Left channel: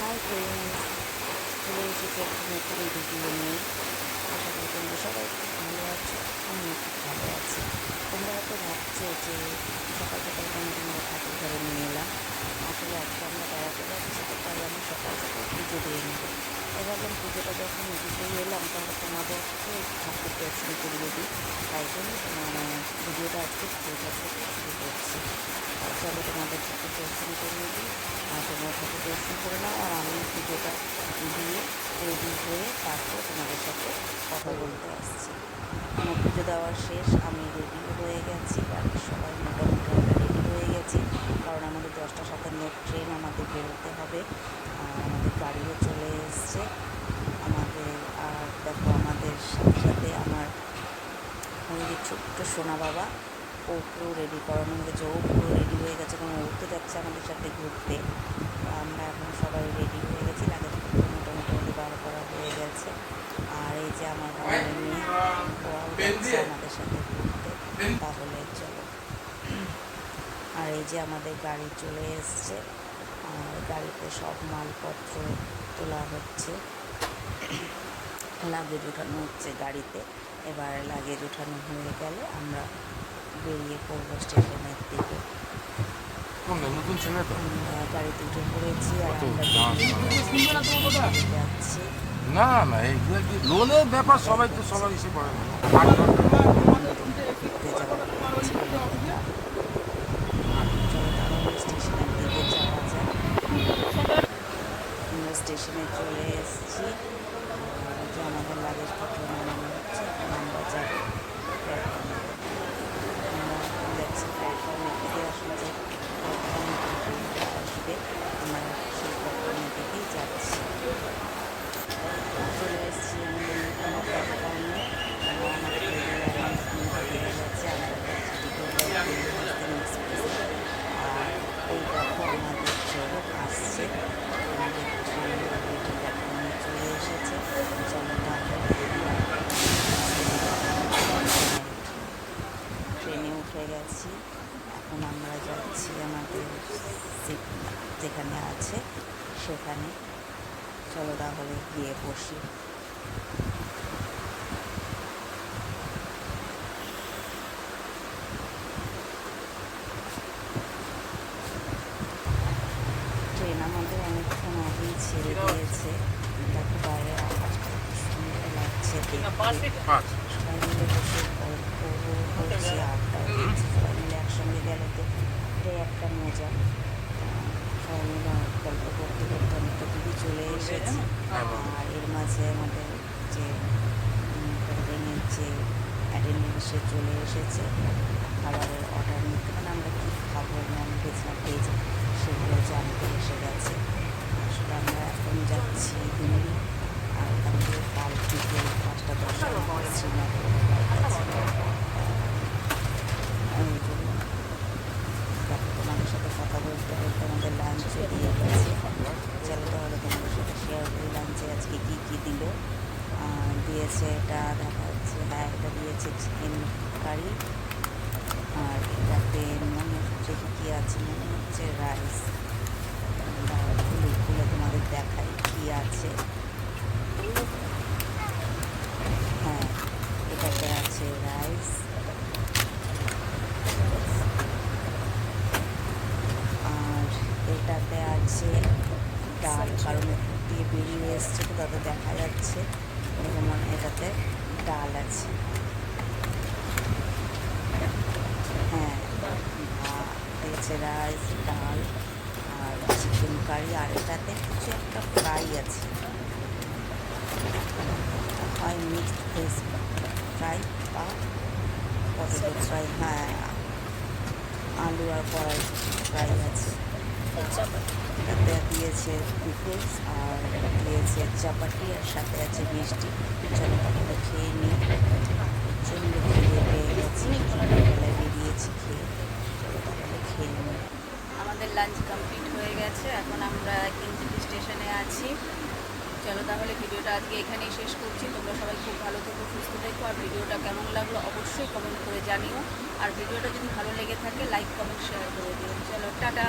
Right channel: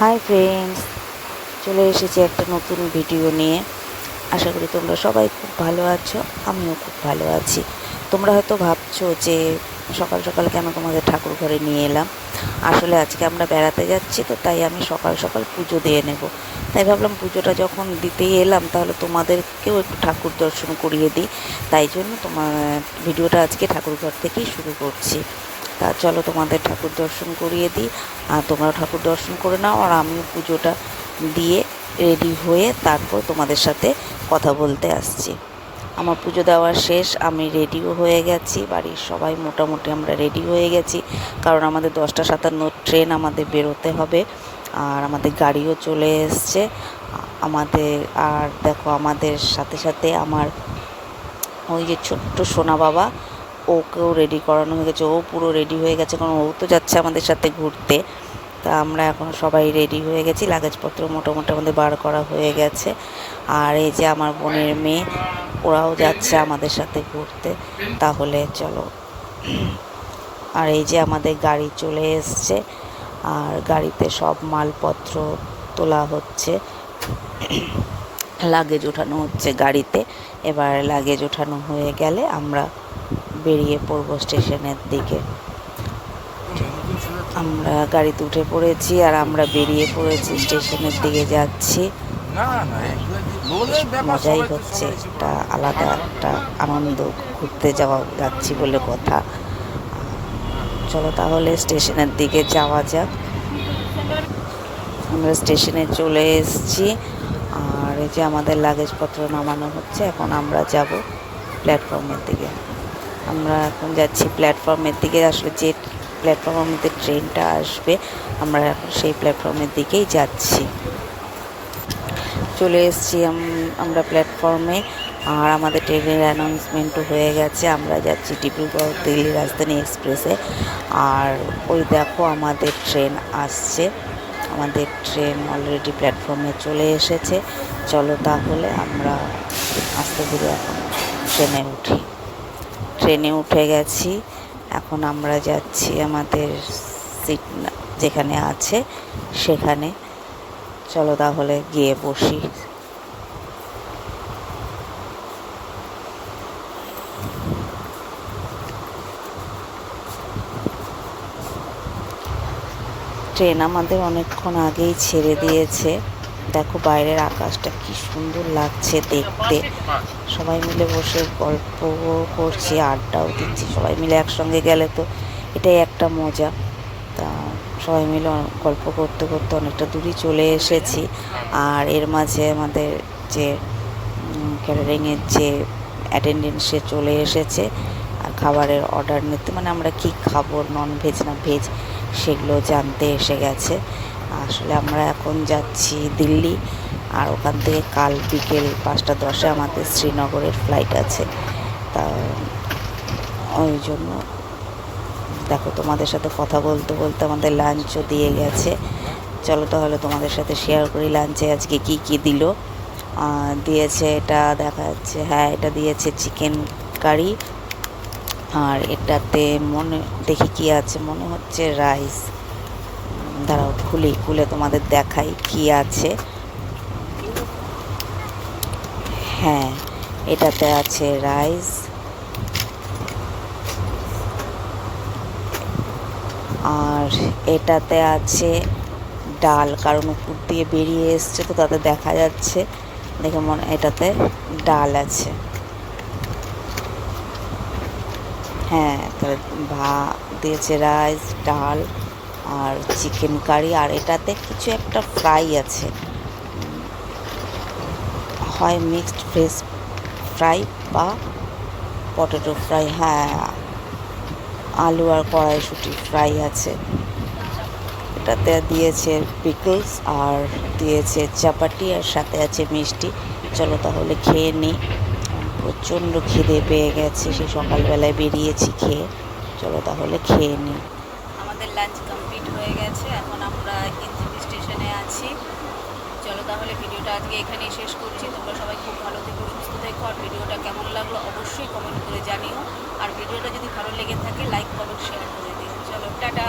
Hi friends, চলে এসেছি একটা নতুন ভিডিও নিয়ে। আশা করি তোমরা সবাই খুব ভালো আছো, আমিও খুব ভালো আছি। তোমরা হয়তো ভাবছো যে সকাল সকাল কেন তোমাদের ঠাকুর ঘরে নিয়ে এলাম। আসলে আজকে আমরা বেড়াতে যাচ্ছি, তো তাই আমি সকাল সকাল পুজো দিয়ে নেব। তাই ভাবলাম পুজোটা যখন দিতেই এলাম, তাহলে তোমাদেরকেও একটু ঠাকুর দর্শন করিয়ে দিই। তাই জন্য তোমার ভিডিওটা আজকে ঠাকুর ঘর থেকেই শুরু করছি। তা চলো তোমাদের ঠাকুর দর্শন করিয়ে দিই, আর তোমরা ঠাকুর দর্শন করে নাও, আর আমিও পুজোটা দিয়ে রেডি হয়ে তারপর তোমাদের সাথে কথা বলতে আসছি। আমার পুজো দেওয়া শেষ, আমি রেডিও হয়ে গেছি, বাড়ির সবাই মোটামুটি আমরা রেডি হয়ে গেছি, কারণ আমাদের 10:57 ট্রেন, আমাদের বেরোতে হবে। আর আমাদের গাড়িও চলে এসছে আমাদের। আর দেখো, আমাদের সাথে সাথে আমার ওই যে ছোট্ট সোনা বাবা, ওকেও রেডি করানো হয়ে গেছে, ও পুরো রেডি হয়ে গেছে, কারণ ও তো যাচ্ছে আমাদের সাথে ঘুরতে। তা আমরা এখন সবাই রেডি হয়ে গেছি, লাগেজপত্র মোটামুটি আমাদের বার করা হয়ে গেছে। আর এই যে আমার বোনের মেয়ে, ওরাও যাচ্ছে আমাদের সাথে ঘুরতে। তাহলে চলো। আর এই যে আমাদের গাড়ি চলে এসছে, আর গাড়িতে সব মালপত্র তোলা হচ্ছে, লাগেজ ওঠানো হচ্ছে গাড়িতে। এবার লাগেজ ওঠানো হয়ে গেলে আমরা বেরিয়ে পড়বো স্টেশনের দিকে। আমরা গাড়িতে উঠে পড়েছি, আর আমরা বেরিয়ে পড়েছি, স্টেশনের দিকে যাচ্ছি। মজাই হচ্ছে, একটা আলাদা একটা আনন্দ, ঘুরতে যাচ্ছি বলে কথা। চলো তাহলে স্টেশনের দিকে যাওয়া যাক। আমরা স্টেশনে চলে এসেছি, আর এই যে আমাদের লাগেজপত্র নামানো হচ্ছে। এখন আমরা যাব প্ল্যাটফর্মের দিকে। আমরা এখন যাচ্ছি প্ল্যাটফর্মের দিকে। আসলে যে প্ল্যাটফর্মের মধ্যে ট্রেনটা আসবে, আমরা সেই প্ল্যাটফর্মের দিকেই যাচ্ছি। চলে এসেছি আমরা প্ল্যাটফর্মে, আর আমাদের ট্রেনের অ্যানাউন্সমেন্টও হয়ে গেছে। আমরা যাচ্ছি ডিব্রুগড় দিল্লি রাজধানী এক্সপ্রেসে। আর ওই দেখো আমাদের ট্রেন আসছে, আমাদের ট্রেন অলরেডি প্ল্যাটফর্মে চলে এসেছে। চলো তাহলে আমরা আস্তে ধীরে এখন ট্রেনে উঠি। ট্রেনে উঠে গেছি, এখন আমরা যাচ্ছি আমাদের সিট যেখানে আছে সেখানে। চলো তাহলে গিয়ে বসি। ট্রেন আমাদের অনেকক্ষণ আগেই ছেড়ে দিয়েছে। দেখো বাইরের আকাশটা কি সুন্দর লাগছে দেখতে। সবাই মিলে বসে গল্প করছি, আড্ডাও দিচ্ছি। সবাই মিলে একসঙ্গে গেলে তো এটাই একটা মজা। তা সবাই মিলে গল্প করতে করতে অনেকটা দূরই চলে এসেছি। আর এর মাঝে আমাদের যে ক্যাটারিংয়ের যে অ্যাটেন্ডেন্ট, সে চলে এসেছে আর খাবারের অর্ডার নিতে, মানে আমরা কি খাবো, নন ভেজ না ভেজ, সেগুলো জানতে এসে গেছে। আসলে আমরা এখন যাচ্ছি দিল্লি, আর ওখান থেকে কাল বিকেল 5:10 আমাদের শ্রীনগরের ফ্লাইট আছে। তা ওই জন্য দেখো, তোমাদের সাথে কথা বলতে বলতে আমাদের লাঞ্চও দিয়ে গেছে। চলো তাহলে তোমাদের সাথে শেয়ার করি লাঞ্চে আজকে কি কি দিল। দিয়েছে, এটা দেখা যাচ্ছে, হ্যাঁ এটা দিয়েছে চিকেন কারি। আর এটাতে দেখি কি আছে, মনে হচ্ছে রাইস। দাঁড়াও খুলে তোমাদের দেখাই কি আছে। হ্যাঁ, এটাতে আছে রাইস, আর এটাতে আছে ডাল, কারণ উপর দিয়ে বেরিয়ে এসছে তো তাতে দেখা যাচ্ছে, দেখে মনে এটাতে ডাল আছে। হ্যাঁ, দিয়েছে রাইস, ডাল আর চিকেন কারি। আর এটাতে কিছু একটা ফ্রাই আছে, হয় মিক্সড ভেজ ফ্রাই বা পটেটো ফ্রাই। হ্যাঁ, আলু আর কড়াইশুঁটি ফ্রাই আছে। এটাতে দিয়েছে পিকলস, আর দিয়েছে চাপাটি, আর সাথে আছে মিষ্টি। চলো তাহলে খেয়ে নিই, প্রচণ্ড খিদে পেয়ে গেছি, সে সকালবেলায় বেরিয়েছি খেয়ে। চলো তাহলে খেয়ে নিই। আমাদের লাঞ্চ কমপ্লিট হয়ে গেছে, এখন আমরা এনজেপি স্টেশনে আছি। চলো তাহলে ভিডিওটা আজকে এখানেই শেষ করছি। তোমরা সবাই খুব ভালো থেকো, সুস্থ থেকো। আর ভিডিওটা কেমন লাগলো অবশ্যই কমেন্ট করে জানিও। আর ভিডিওটা যদি ভালো লেগে থাকে লাইক কমেন্ট শেয়ার করে দিও। চলো টাটা।